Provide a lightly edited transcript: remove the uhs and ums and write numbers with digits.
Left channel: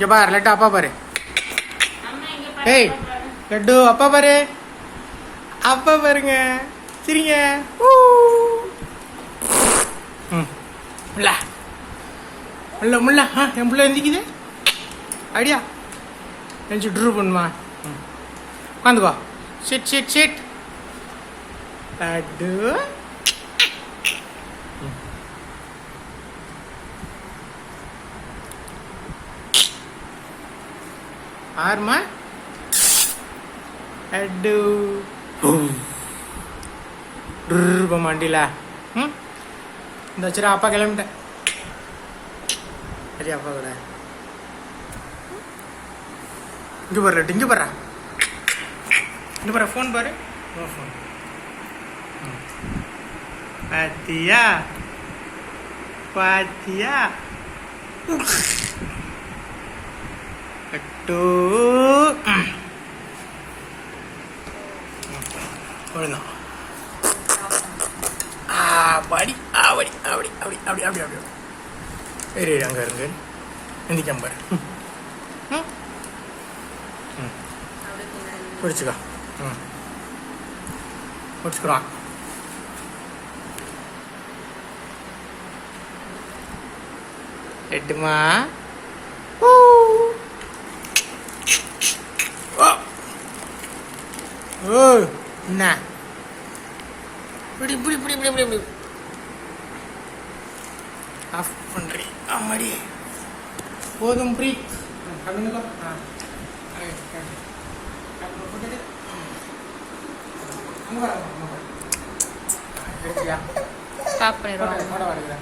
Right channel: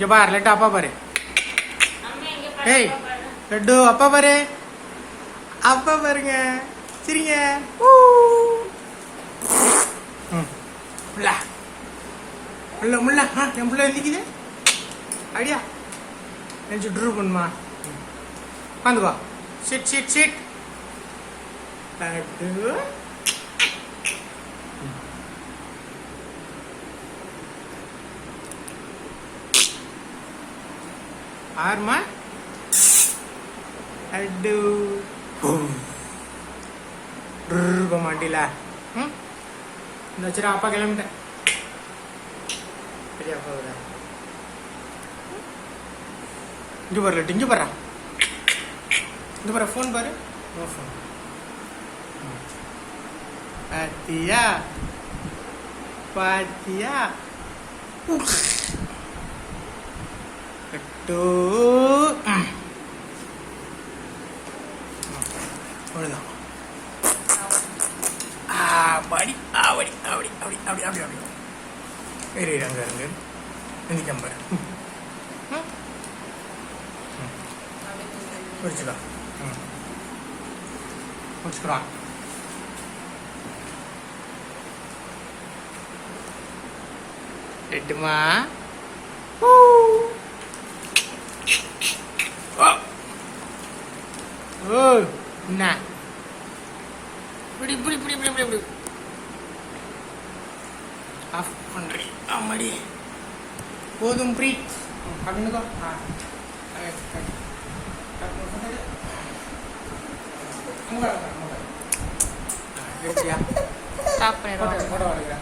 இங்க பாரு லட்டு அப்பா பாரு. ஏய் லட்டு அப்பா பாரு. அப்பா பாருங்க சரிங்க. முல்லா முல்ல முல்ல என் பிள்ளை எந்திக்குது ஐடியா கொஞ்சம் ட்ரூ பண்ணுமா. உட்காந்து வா. Sit sit sit Laddu. ஆறுமா லட்டு மாண்டில. இந்த சரி அப்பா கிளம்பிட்டேன். சரி அப்பா கூட இங்கே பாரு லட்டு. இங்கே பாரு இங்கே பாரு ஃபோன் பாரு. ஃபோன் பாத்தியா பாத்தியா லட்டு. அவ்வளோதான். படி அப்படி அப்படி அப்படி அப்படி அப்படி அப்படி சரி அங்கே இருந்து இந்திக்கம் பாரு. முடிச்சுக்கா. முடிச்சுக்கிறோம். எட்டுமா ஓ என்ன இப்படி இப்படி இப்படி இப்படி இப்படி ஆஃப் பண்ணுறேன். ஆமாடி போதும் ப்ரீ அப்படின்னுக்கோ. எடுத்தியா? ஸ்டாப் பண்ணிடுறோம்.